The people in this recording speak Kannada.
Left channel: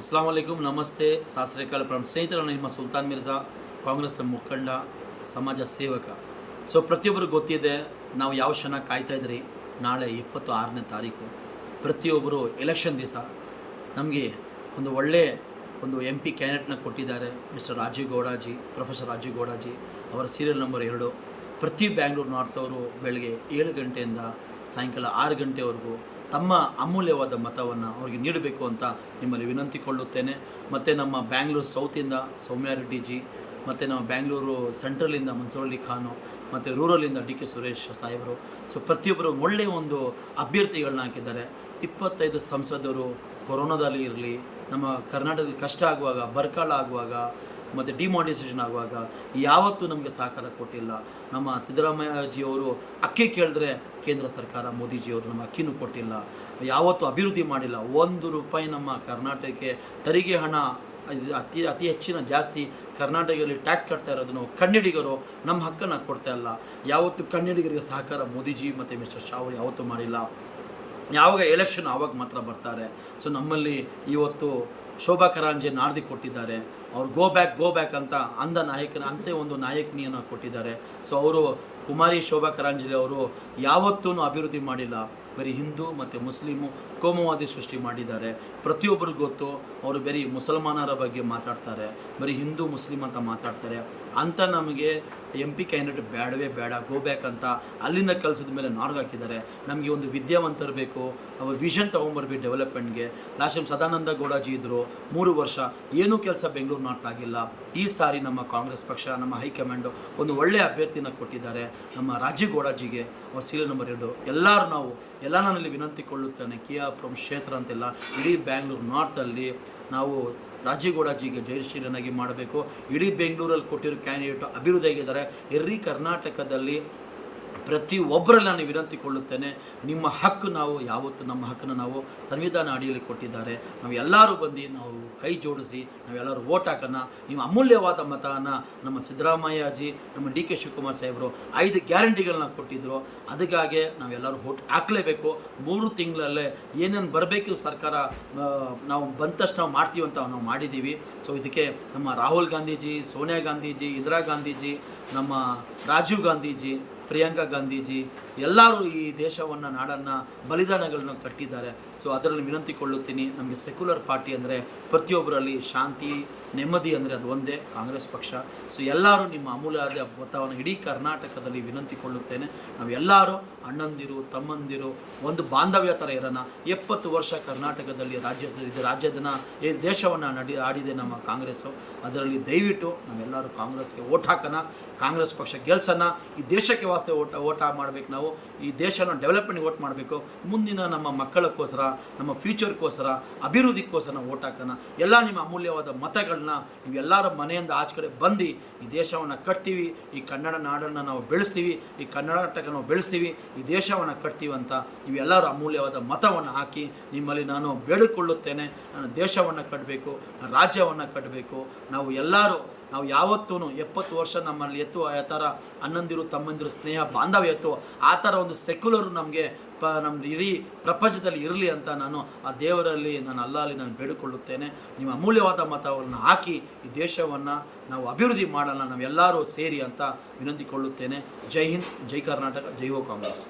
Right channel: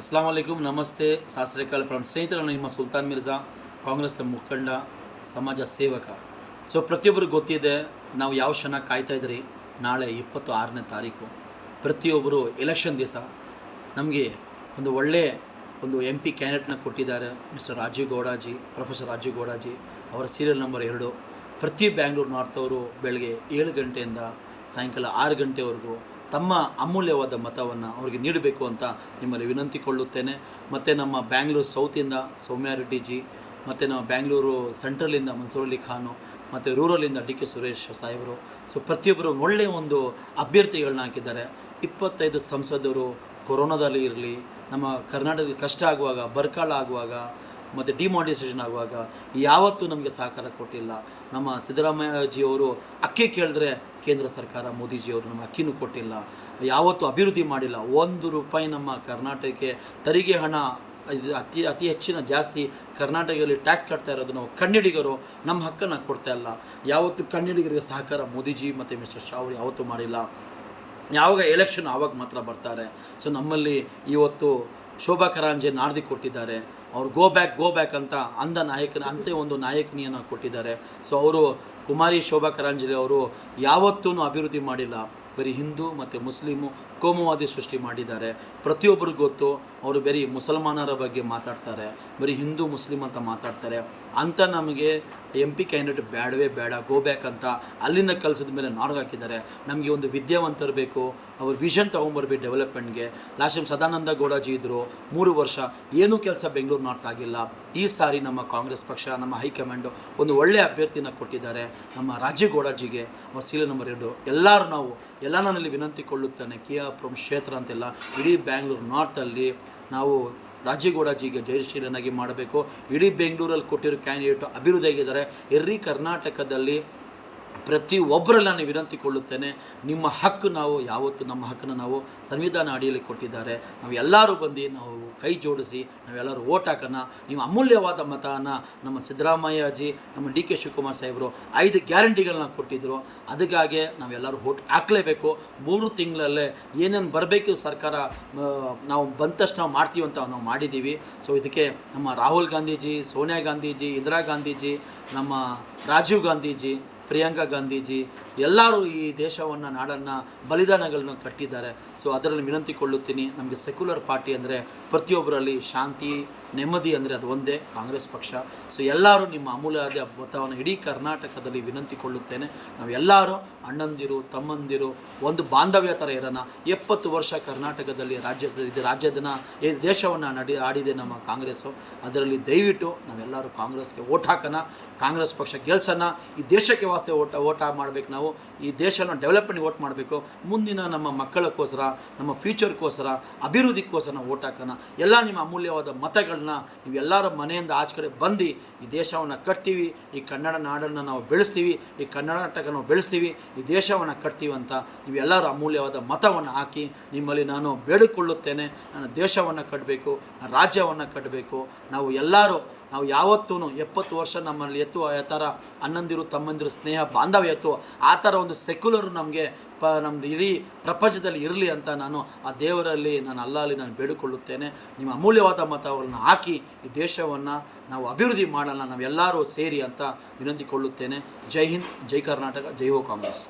ಅಸ್ಲಾಂ ವಲೈಕುಮ್, ನಮಸ್ತೆ, ಸಾಸ್ರೇಕಾಲ್ ಫ್ರಮ್ ಸ್ನೇಹಿತರು. ನಿಮ್ಮ ಸುಲ್ತಾನ್ ಮಿರ್ಜಾ, ಕಾಂಗ್ರೆಸ್ನ ಮುಖಂಡ, ಸಮಾಜ ಸೇವಕ. ಪ್ರತಿಯೊಬ್ಬರಿಗೂ ಗೊತ್ತಿದೆ ನಾವು ಯಾವ ಕ್ಷಣ ಕಾಯ್ತಾ ಇದ್ರಿ. ನಾಳೆ 26ನೇ ತಾರೀಕು ಪ್ರತಿಯೊಬ್ಬರು ಎಲೆಕ್ಷನ್ ದಿವಸ ನಮಗೆ ಒಂದು ಒಳ್ಳೆಯ MP ಕ್ಯಾಂಡಿಡೇಟ್ನ ಕೊಟ್ಟಿದ್ದಾರೆ. ಮಿಸ್ಟರ್ ರಾಜೀವ್ ಗೌಡಾಜಿ, ಪ್ರೊಫೆಸರ್ ರಾಜೀವ್ ಗೌಡಾಜಿ ಅವರ ಸೀರಿಯಲ್ ನಂಬರ್ 2. ಪ್ರತಿ ಬ್ಯಾಂಗ್ಳೂರು ನಾರ್ತ್ ಅವರು ಬೆಳಗ್ಗೆ 7 ಗಂಟೆಯಿಂದ ಸಾಯಂಕಾಲ 6 ಗಂಟೆವರೆಗೂ ತಮ್ಮ ಅಮೂಲ್ಯವಾದ ಮತವನ್ನು ಅವರಿಗೆ ನೀಡಬೇಕು ಅಂತ ನಿಮ್ಮಲ್ಲಿ ವಿನಂತಿಕೊಳ್ಳುತ್ತೇನೆ. ಮತ್ತು ನಮ್ಮ ಬ್ಯಾಂಗ್ಳೂರು ಸೌತಿಂದ ಸೌಮ್ಯ ರೆಡ್ಡಿ ಜಿ, ಮತ್ತು ನಮ್ಮ ಬ್ಯಾಂಗ್ಳೂರು ಸೆಂಟ್ರಲಿಂದ ಮನ್ಸೂರ್ ಅಲಿ ಖಾನು, ಮತ್ತು ರೂರಲಿಂದ DK ಸುರೇಶ್ ಸಾಹೇಬರು. ಪ್ರತಿಯೊಬ್ಬರು ಒಳ್ಳೆಯ ಒಂದು ಅಭ್ಯರ್ಥಿಗಳನ್ನ ಹಾಕಿದ್ದಾರೆ. 25 ಸಂಸದರು ಕೊರೋನಾದಲ್ಲಿ ಇರಲಿ, ನಮ್ಮ ಕರ್ನಾಟಕದಲ್ಲಿ ಕಷ್ಟ ಆಗುವಾಗ, ಬರಗಾಲ ಆಗುವಾಗ ಮತ್ತು ಡಿಮಾನಿಟೈಸೇಷನ್ ಆಗುವಾಗ ಯಾವತ್ತೂ ನಮಗೆ ಸಹಕಾರ ಕೊಟ್ಟಿಲ್ಲ. ನಮ್ಮ ಸಿದ್ದರಾಮಯ್ಯಜಿಯವರು ಅಕ್ಕಿ ಕೇಳಿದ್ರೆ ಕೇಂದ್ರ ಸರ್ಕಾರ ಮೋದಿಜಿಯವರು ನಮ್ಮ ಅಕ್ಕಿನೂ ಕೊಟ್ಟಿಲ್ಲ. ಯಾವತ್ತೂ ಅಭಿವೃದ್ಧಿ ಮಾಡಿಲ್ಲ. 1 ರೂಪಾಯಿ ನಮ್ಮ ಕರ್ನಾಟಕಕ್ಕೆ ತೆರಿಗೆ ಹಣ ಅತಿ ಹೆಚ್ಚಿನ ಜಾಸ್ತಿ ಕರ್ನಾಟಕದಲ್ಲಿ ಟ್ಯಾಕ್ಸ್ ಕಟ್ತಾ ಇರೋದನ್ನು ಕನ್ನಡಿಗರು ನಮ್ಮ ಹಕ್ಕನ್ನು ಕೊಡ್ತಾ ಇಲ್ಲ. ಯಾವತ್ತೂ ಕನ್ನಡಿಗರಿಗೆ ಸಹಕಾರ ಮೋದಿಜಿ ಮತ್ತು ಮಿಸ್ಟರ್ ಶಾ ಅವರು ಯಾವತ್ತೂ ಮಾಡಿಲ್ಲ. ಯಾವಾಗ ಎಲೆಕ್ಷನ್ ಆವಾಗ ಮಾತ್ರ ಬರ್ತಾರೆ. ನಮ್ಮಲ್ಲಿ ಇವತ್ತು ಶೋಭಾ ಕರಾಂಜೆ ನಾರ್ದಿ ಕೊಟ್ಟಿದ್ದಾರೆ. ಅವ್ರು ಗೋ ಬ್ಯಾಕ್ ಅಂತ ಅಂತೆ ಒಂದು ನಾಯಕನಿಯನ್ನು ಕೊಟ್ಟಿದ್ದಾರೆ. ಅವರು ಕುಮಾರಿ ಶೋಭಾ ಕರಾಂಜಲಿ ಅವರು ಯಾವತ್ತೂ ಅಭಿವೃದ್ಧಿ ಮಾಡಿಲ್ಲ. ಬರೀ ಹಿಂದೂ ಮತ್ತು ಮುಸ್ಲಿಮು ಕೋಮುವಾದಿ ಸೃಷ್ಟಿ ಮಾಡಿದ್ದಾರೆ. ಪ್ರತಿಯೊಬ್ಬರಿಗೂ ಗೊತ್ತು. ಅವರು ಬರೀ ಮುಸಲ್ಮಾನರ ಬಗ್ಗೆ ಮಾತಾಡ್ತಾರೆ, ಬರೀ ಹಿಂದೂ ಮುಸ್ಲಿಮ್ ಅಂತ ಮಾತಾಡ್ತಾರೆ. ಅಂತ ನಮಗೆ MP ಕ್ಯಾಂಡಿಡೇಟ್ ಬೇಡವೇ ಬೇಡ, ಗೋ ಬ್ಯಾಕ್ ಅಂತ ಅಲ್ಲಿಂದ ಕಲಿಸಿದ ಮೇಲೆ ಹಾಕಿದ್ದಾರೆ. ನಮಗೆ ಒಂದು ವಿದ್ಯಾವಂತರು ಬೇಕು. ಅವ್ರ ವಿಷನ್ ತೊಗೊಂಬರ್ಬೇಕು ಡೆವಲಪ್ಮೆಂಟ್ಗೆ. ಲಾಸ್ಟ್ ಟೈಮ್ ಸದಾನಂದ ಗೌಡಾಜಿ ಇದ್ದರು, 3 ವರ್ಷ ಏನೂ ಕೆಲಸ ಬೆಂಗಳೂರು ನಾರ್ತ್ ಆಗಿಲ್ಲ. ಈ ಸಾರಿ ನಮ್ಮ ಕಾಂಗ್ರೆಸ್ ಪಕ್ಷ, ನಮ್ಮ ಹೈಕಮಾಂಡು ಒಂದು ಒಳ್ಳೆಯ ಅಭ್ಯರ್ಥಿನ ಕೊಟ್ಟಿದ್ದಾರೆ, ನಮ್ಮ ರಾಜೀವ್ ಗೌಡಾಜಿಗೆ. ಅವ್ರ ಸೀರಿಯಲ್ ನಂಬರ್ 2. ಎಲ್ಲ ನನ್ನಲ್ಲಿ ವಿನಂತಿಕೊಳ್ಳುತ್ತೇನೆ. ಕಿಯಾಪುರಂ ಕ್ಷೇತ್ರ ಅಂತೆಲ್ಲ ಇಡೀ ಬ್ಯಾಂಗ್ಳೂರು ನಾರ್ತಲ್ಲಿ ನಾವು ರಾಜೀವ್ ಗೌಡಾಜಿಗೆ ಜಯಶೀಲನಾಗಿ ಮಾಡಬೇಕು. ಇಡೀ ಬೆಂಗಳೂರಲ್ಲಿ ಕೊಟ್ಟಿರೋ ಕ್ಯಾಂಡಿಡೇಟು ಅಭಿವೃದ್ಧಿಯಾಗಿದ್ದಾರೆ. ಕರ್ನಾಟಕದಲ್ಲಿ ಪ್ರತಿಯೊಬ್ಬರೆಲ್ಲ ನಾನು ವಿನಂತಿಕೊಳ್ಳುತ್ತೇನೆ. ನಿಮ್ಮ ಹಕ್ಕು ನಾವು ಯಾವತ್ತು ನಮ್ಮ ಹಕ್ಕನ್ನು ನಾವು ಸಂವಿಧಾನ ಅಡಿಯಲ್ಲಿ ಕೊಟ್ಟಿದ್ದಾರೆ. ನಾವು ಎಲ್ಲರೂ ಬಂದು ನಾವು ಕೈ ಜೋಡಿಸಿ ನಾವೆಲ್ಲರೂ ಓಟ್ ಹಾಕೋಣ. ನಿಮ್ಮ ಅಮೂಲ್ಯವಾದ ಮತನ ನಮ್ಮ ಸಿದ್ದರಾಮಯ್ಯಜಿ, ನಮ್ಮ DK ಶಿವಕುಮಾರ್ ಸಾಹೇಬರು 5 ಗ್ಯಾರಂಟಿಗಳನ್ನ ಕೊಟ್ಟಿದ್ದರು. ಅದಕ್ಕಾಗಿ ನಾವೆಲ್ಲರೂ ಓಟ್ ಹಾಕಲೇಬೇಕು. 3 ತಿಂಗಳಲ್ಲೇ ಏನೇನು ಬರಬೇಕು ಸರ್ಕಾರ ನಾವು ಬಂದ ತಕ್ಷಣ ನಾವು ಮಾಡ್ತೀವಿ ಅಂತ ನಾವು ಮಾಡಿದ್ದೀವಿ. ಇದಕ್ಕೆ ನಮ್ಮ ರಾಹುಲ್ ಗಾಂಧೀಜಿ, ಸೋನಿಯಾ ಗಾಂಧೀಜಿ, ಇಂದಿರಾ ಗಾಂಧೀಜಿ, ನಮ್ಮ ರಾಜೀವ್ ಗಾಂಧೀಜಿ, ಪ್ರಿಯಾಂಕಾ ಗಾಂಧೀಜಿ ಎಲ್ಲರೂ ಈ ದೇಶವನ್ನು, ನಾಡನ್ನು, ಬಲಿದಾನಗಳನ್ನು ಕಟ್ಟಿದ್ದಾರೆ. ಅದರಲ್ಲಿ ವಿನಂತಿಕೊಳ್ಳುತ್ತೀನಿ. ನಮಗೆ ಸೆಕ್ಯುಲರ್ ಪಾರ್ಟಿ ಅಂದರೆ ಪ್ರತಿಯೊಬ್ಬರಲ್ಲಿ ಶಾಂತಿ, ನೆಮ್ಮದಿ ಅಂದರೆ ಅದು ಒಂದೇ ಕಾಂಗ್ರೆಸ್ ಪಕ್ಷ. ಎಲ್ಲರೂ ನಿಮ್ಮ ಅಮೂಲ್ಯವಾದ ಮತವನ್ನು ಇಡೀ ಕರ್ನಾಟಕದಲ್ಲಿ ವಿನಂತಿಕೊಳ್ಳುತ್ತೇನೆ. ನಾವೆಲ್ಲರೂ ಅಣ್ಣಂದಿರು, ತಮ್ಮಂದಿರು, ಒಂದು ಬಾಂಧವ್ಯ ಥರ ಇರೋಣ. 70 ವರ್ಷ ಕರ್ನಾಟಕದಲ್ಲಿ ರಾಜ್ಯದನ್ನು ಈ ದೇಶವನ್ನು ಆಡಿದೆ ನಮ್ಮ ಕಾಂಗ್ರೆಸ್ಸು. ಅದರಲ್ಲಿ ದಯವಿಟ್ಟು ನಾವೆಲ್ಲರೂ ಕಾಂಗ್ರೆಸ್ಗೆ ಓಟ್ ಹಾಕೋಣ, ಕಾಂಗ್ರೆಸ್ ಪಕ್ಷ ಗೆಲ್ಸೋಣ. ಈ ದೇಶಕ್ಕೆ ವಾಸ್ತೆ ಓಟ್ ಮಾಡಬೇಕು. ನಾವು ಈ ದೇಶನ ಡೆವಲಪ್ಮೆಂಟ್ಗೆ ಓಟ್ ಮಾಡಬೇಕು. ಮುಂದಿನ ನಮ್ಮ ಮಕ್ಕಳಕ್ಕೋಸ್ಕರ, ನಮ್ಮ ಫ್ಯೂಚರ್ಗೋಸ್ಕರ, ಅಭಿವೃದ್ಧಿಗೋಸ್ಕರ ನಾವು ಓಟ್ ಹಾಕೋಣ. ಎಲ್ಲ ನಿಮ್ಮ ಅಮೂಲ್ಯವಾದ ಮತಗಳನ್ನ ನೀವೆಲ್ಲರ ಮನೆಯಿಂದ ಆಚೆ ಕಡೆ ಬಂದು ಈ ದೇಶವನ್ನು ಕಟ್ತೀವಿ, ಈ ಕನ್ನಡ ನಾಡನ್ನು ನಾವು ಬೆಳೆಸ್ತೀವಿ, ಈ ಕರ್ನಾಟಕ ನಾವು ಬೆಳೆಸ್ತೀವಿ, ಈ ದೇಶವನ್ನು ಕಟ್ತೀವಿ ಅಂತ ನೀವೆಲ್ಲರೂ ಅಮೂಲ್ಯವಾದ ಮತವನ್ನು ಹಾಕಿ ನಿಮ್ಮಲ್ಲಿ ನಾನು ಬೇಡಿಕೊಳ್ಳುತ್ತೇನೆ. ನನ್ನ ದೇಶವನ್ನು ಕಟ್ಟಬೇಕು, ರಾಜ್ಯವನ್ನು ಕಟ್ಟಬೇಕು. ನಾವು ಯಾವತ್ತೂ 70 ವರ್ಷ ನಮ್ಮಲ್ಲಿ ಆ ಥರ ಅಣ್ಣಂದಿರು ತಮ್ಮಂದಿರು ಸ್ನೇಹ ಬಾಂಧವ್ಯ ಆ ಥರ ಒಂದು ಸೆಕ್ಯುಲರ್ ನಮಗೆ ನಮ್ಮ ಇಡೀ ಪ್ರಪಂಚದಲ್ಲಿ ಇರಲಿ ಅಂತ ನಾನು ಆ ದೇವರಲ್ಲಿ, ಅಲ್ಲಾಹಲ್ಲಿ ನಾನು ಬೇಡಿಕೊಳ್ಳುತ್ತೇನೆ. ನಿಮ್ಮ ಅಮೂಲ್ಯವಾದ ಮತವನ್ನು ಹಾಕಿ ಈ ದೇಶವನ್ನು ನಾವು ಅಭಿವೃದ್ಧಿ ಮಾಡೋಣ, ನಾವೆಲ್ಲರೂ ಸೇರಿ ಅಂತ ವಿನಂತಿಕೊಳ್ಳುತ್ತೇನೆ. ಜೈ ಹಿಂದ್, ಜೈ ಕರ್ನಾಟಕ, ಜೈ ಹೋ ಕಾಂಗ್ರೆಸ್.